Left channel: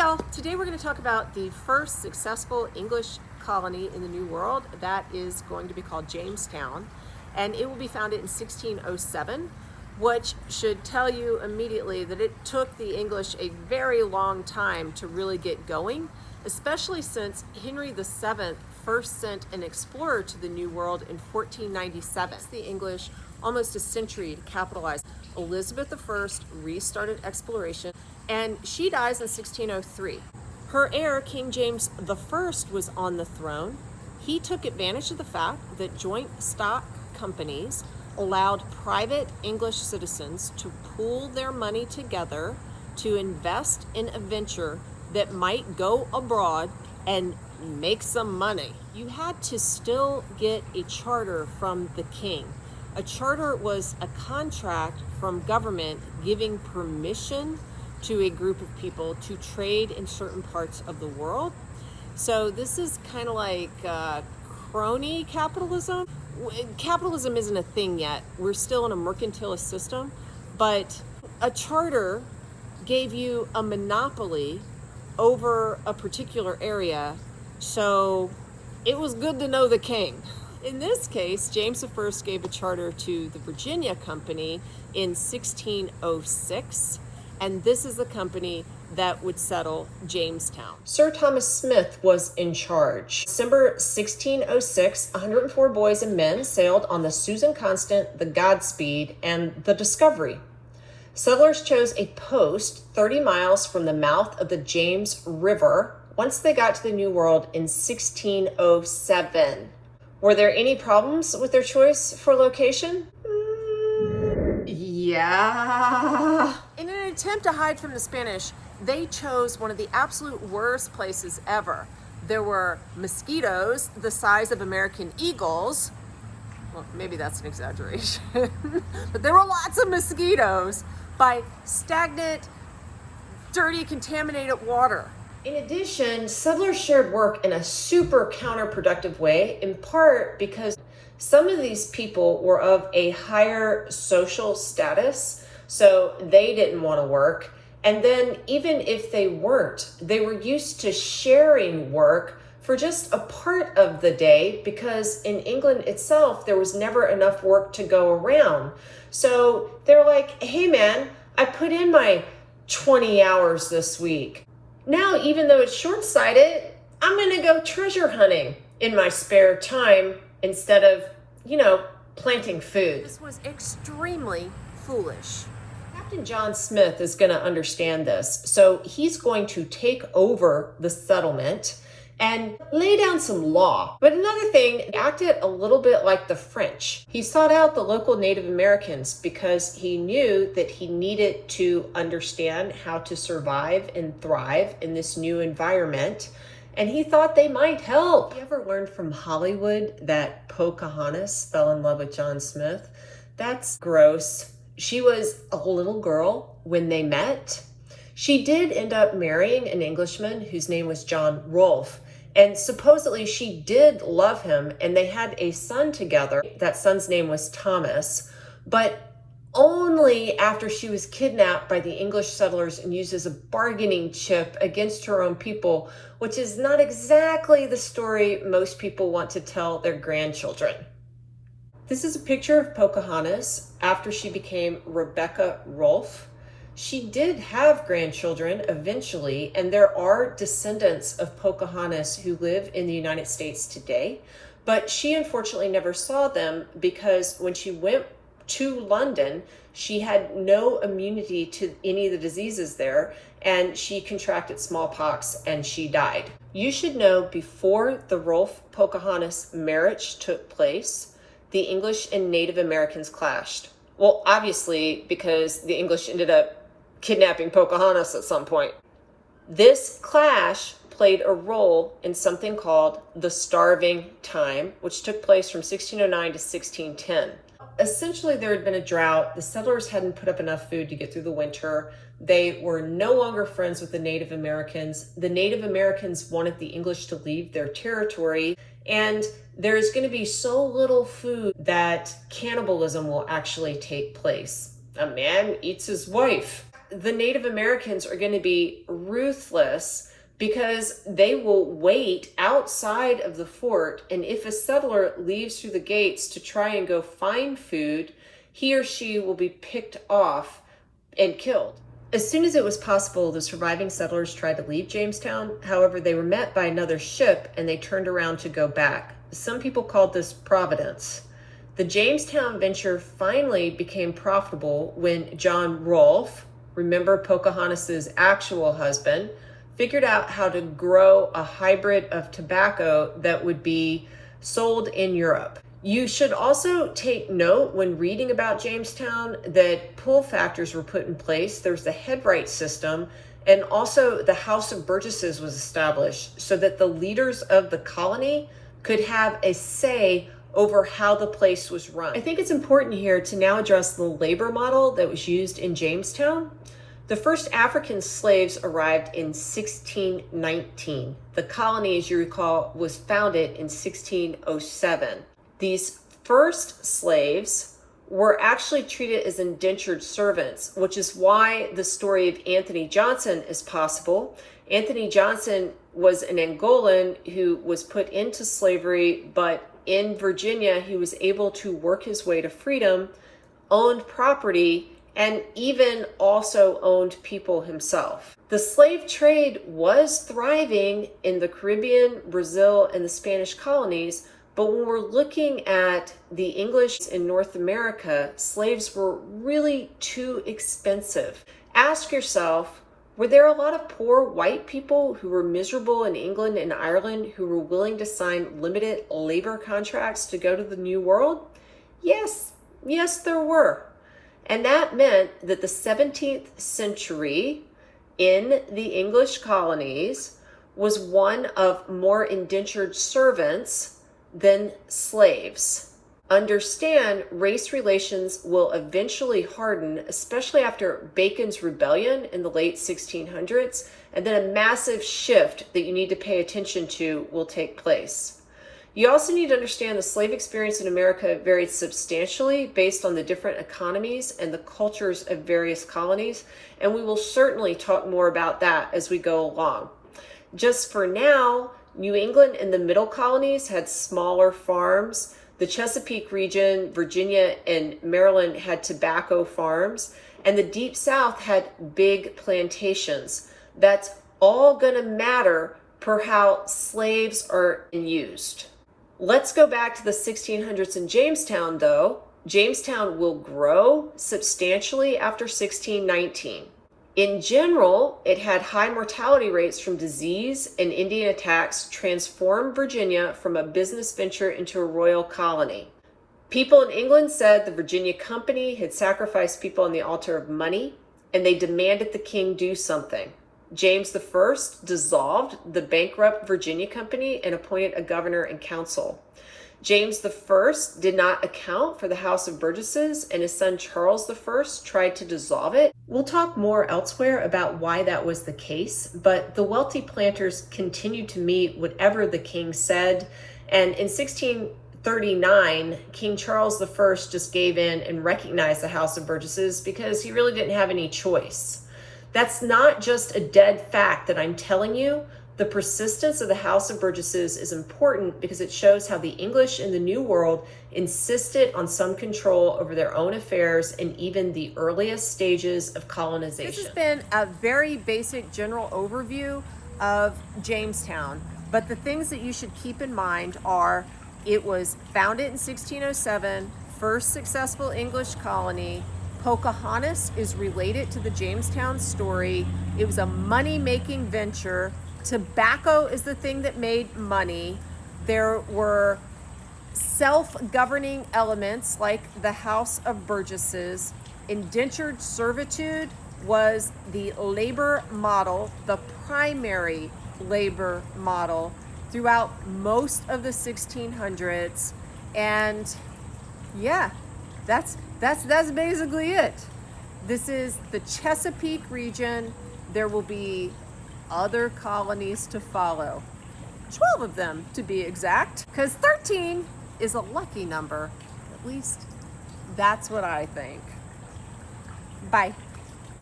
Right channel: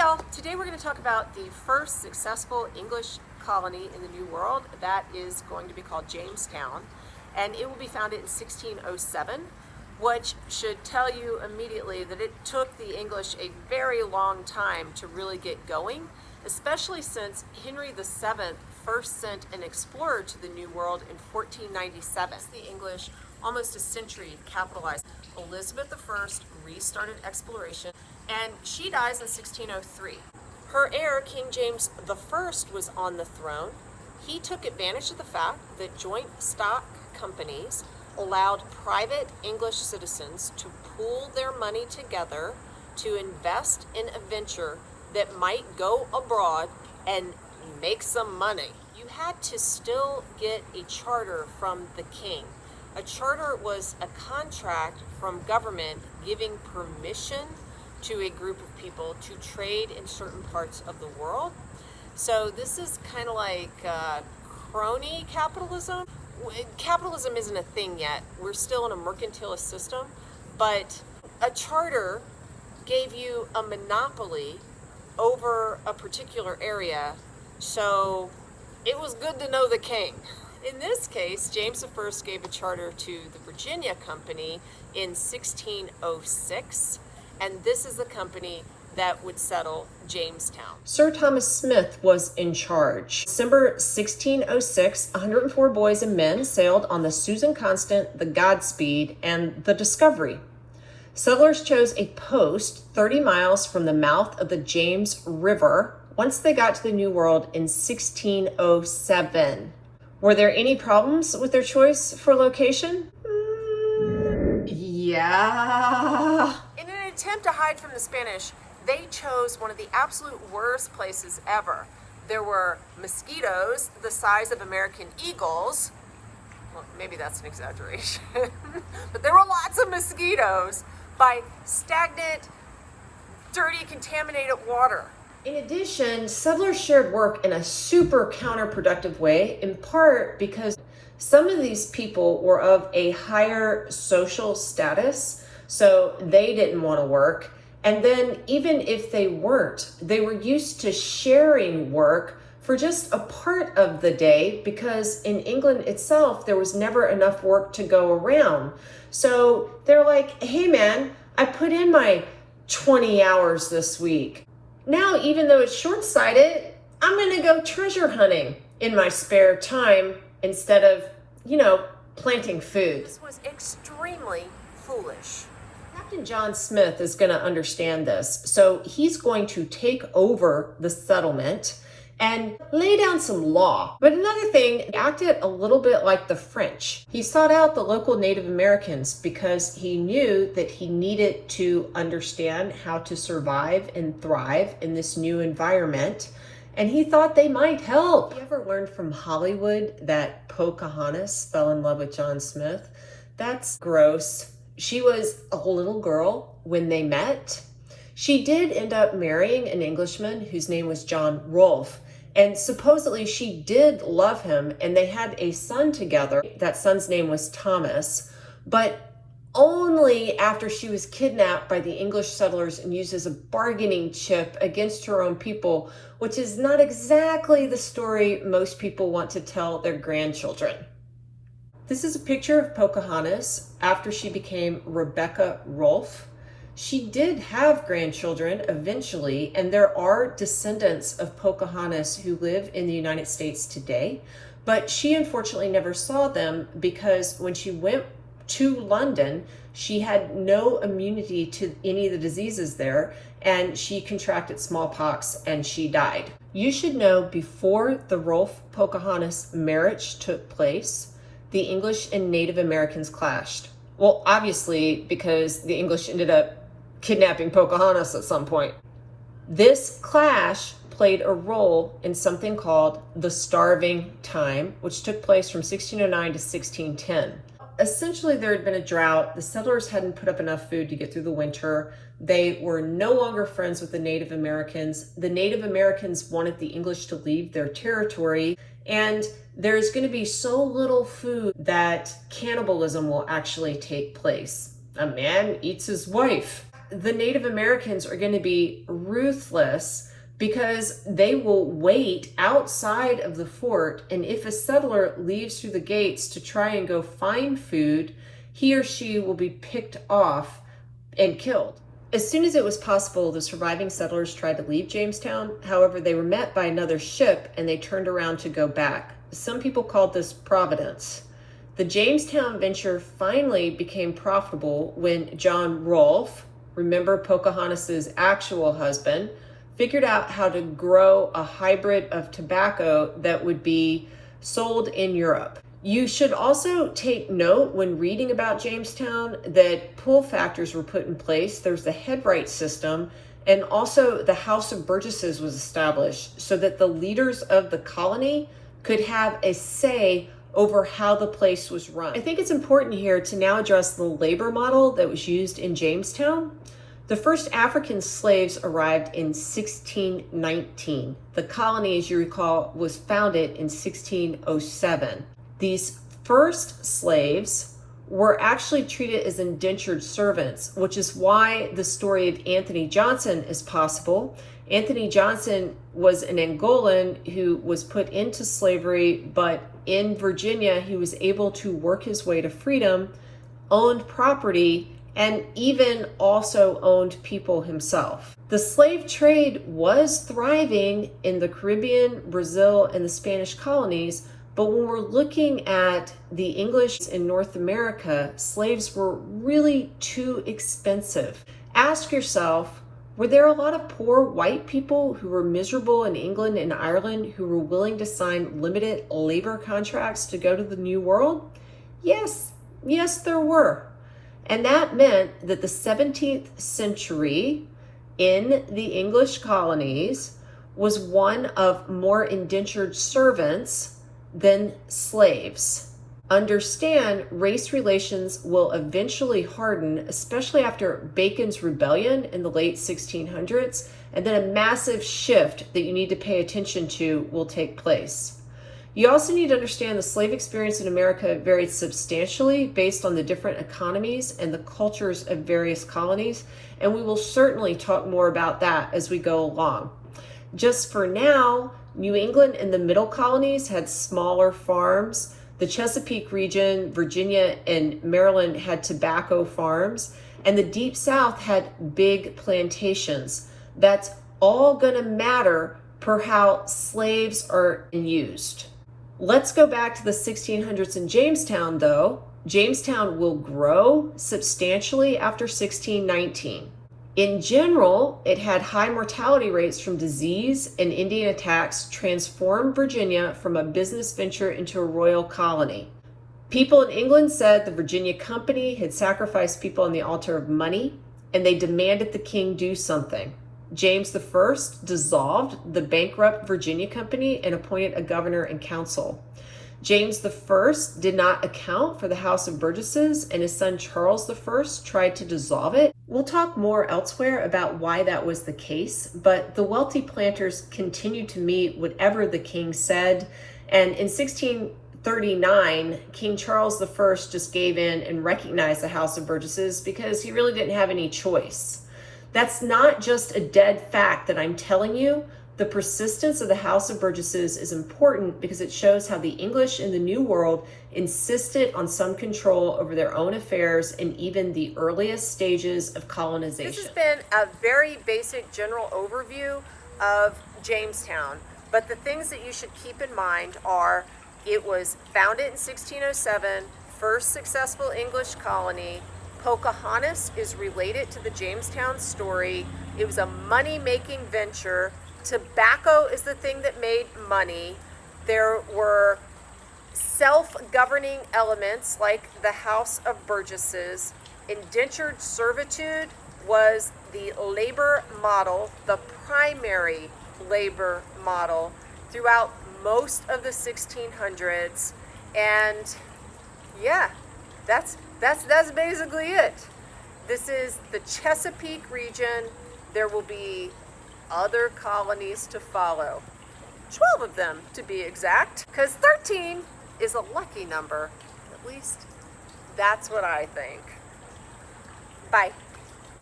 y'all, today we're going to talk about the first successful English colony in the New World. That is going to be called Jamestown, and it will be founded in 1607, which should tell you immediately that it took the English a very long time to really get going, especially since Henry VII first sent an explorer to the New World in 1497. The English almost a century to capitalize. Elizabeth I restarted exploration, and she dies in 1603. Her heir, King James I, was on the throne. He took advantage of the fact that joint stock companies allowed private English citizens to pool their money together to invest in a venture that might go abroad and make some money. You had to still get a charter from the king. A charter was a contract from government giving permission to a group of people to trade in certain parts of the world. So this is kind of like crony capitalism. Capitalism isn't a thing yet. We're still in a mercantilist system, but a charter gave you a monopoly over a particular area, so it was good to know the king. In this case, James I gave a charter to the Virginia Company in 1606, and this is the company that would settle Jamestown. Sir Thomas Smith was in charge. December 1606, 104 boys and men sailed on the Susan Constant, the Godspeed, and the Discovery. Settlers chose a post 30 miles from the mouth of the James River once they got to the New World in 1607. Were there any problems with their choice for location? Yeah. In an attempt to hide from the Spanish, they chose one of the absolute worst places ever. There were mosquitoes the size of American eagles. Well, maybe that's an exaggeration. But there were lots of mosquitoes by stagnant, dirty, contaminated water. In addition, settlers shared work in a super counterproductive way, in part because some of these people were of a higher social status, so they didn't want to work. And then even if they weren't, they were used to sharing work for just a part of the day, because in England itself, there was never enough work to go around. So they're like, hey man, I put in my 20 hours this week. Now, even though it's short-sighted, I'm gonna go treasure hunting in my spare time instead of, planting food. This was extremely foolish. Captain John Smith is gonna understand this, so he's going to take over the settlement and lay down some law. But another thing, he acted a little bit like the French. He sought out the local Native Americans because he knew that he needed to understand how to survive and thrive in this new environment, and he thought they might help. You ever learned from Hollywood that Pocahontas fell in love with John Smith? That's gross. She was a little girl when they met. She did end up marrying an Englishman whose name was John Rolfe. And supposedly she did love him, and they had a son together. That son's name was Thomas, but only after she was kidnapped by the English settlers and used as a bargaining chip against her own people, which is not exactly the story most people want to tell their grandchildren. This is a picture of Pocahontas after she became Rebecca Rolfe. She did have grandchildren eventually, and there are descendants of Pocahontas who live in the United States today, but she unfortunately never saw them because when she went to London, she had no immunity to any of the diseases there, and she contracted smallpox and she died. You should know, before the Rolfe-Pocahontas marriage took place, the English and Native Americans clashed. Well, obviously, because the English ended up kidnapping Pocahontas at some point. This clash played a role in something called the Starving Time, which took place from 1609 to 1610. Essentially, there had been a drought. The settlers hadn't put up enough food to get through the winter. They were no longer friends with the Native Americans. The Native Americans wanted the English to leave their territory, and there's going to be so little food that cannibalism will actually take place. A man eats his wife. the Native Americans are going to be ruthless because they will wait outside of the fort, and if a settler leaves through the gates to try and go find food, he or she will be picked off and killed. As soon as it was possible, the surviving settlers tried to leave Jamestown. However, they were met by another ship and they turned around to go back. Some people called this Providence. The Jamestown venture finally became profitable when John Rolfe, remember Pocahontas's actual husband, figured out how to grow a hybrid of tobacco that would be sold in Europe. You should also take note when reading about Jamestown that pull factors were put in place. There's the headright system, and also the House of Burgesses was established so that the leaders of the colony could have a say over how the place was run. I think it's important here to now address the labor model that was used in Jamestown. The first African slaves arrived in 1619. The colony, as you recall, was founded in 1607. These first slaves were actually treated as indentured servants, which is why the story of Anthony Johnson is possible. Anthony Johnson was an Angolan who was put into slavery, but in Virginia, he was able to work his way to freedom, owned property, and even also owned people himself. The slave trade was thriving in the Caribbean, Brazil, and the Spanish colonies, but when we're looking at the English in North America, slaves were really too expensive. Ask yourself, were there a lot of poor white people who were miserable in England and Ireland who were willing to sign limited labor contracts to go to the New World? Yes, there were. And that meant that the 17th century in the English colonies was one of more indentured servants than slaves. Understand, race relations will eventually harden, especially after Bacon's rebellion in the late 1600s, and then a massive shift that you need to pay attention to will take place. You also need to understand the slave experience in America varied substantially based on the different economies and the cultures of various colonies, and we will certainly talk more about that as we go along. Just for now, New England and the middle colonies had smaller farms. The Chesapeake region, Virginia, and Maryland had tobacco farms, and the Deep South had big plantations. That's all going to matter per how slaves are used. Let's go back to the 1600s in Jamestown, though. Jamestown will grow substantially after 1619. In general, it had high mortality rates from disease and Indian attacks, transformed Virginia from a business venture into a royal colony. People in England said the Virginia Company had sacrificed people on the altar of money, and they demanded the king do something. James I dissolved the bankrupt Virginia Company and appointed a governor and council. James I did not account for the House of Burgesses, and his son Charles I tried to dissolve it. We'll talk more elsewhere about why that was the case, but the wealthy planters continued to meet whatever the king said, and in 1639, King Charles I just gave in and recognized the House of Burgesses because he really didn't have any choice. That's not just a dead fact that I'm telling you. The persistence of the House of Burgesses is important because it shows how the English in the New World insisted on some control over their own affairs in even the earliest stages of colonization. This has been a very basic general overview of Jamestown, but the things that you should keep in mind are it was founded in 1607, first successful English colony. Pocahontas is related to the Jamestown story. It was a money-making venture. Tobacco is the thing that made money. There were self-governing elements like the House of Burgesses. Indentured servitude was the labor model, the primary labor model throughout most of the 1600s. And yeah, that's basically it. This is the Chesapeake region. There will be other colonies to follow. 12 of them to be exact, because 13 is a lucky number. At least that's what I think. Bye.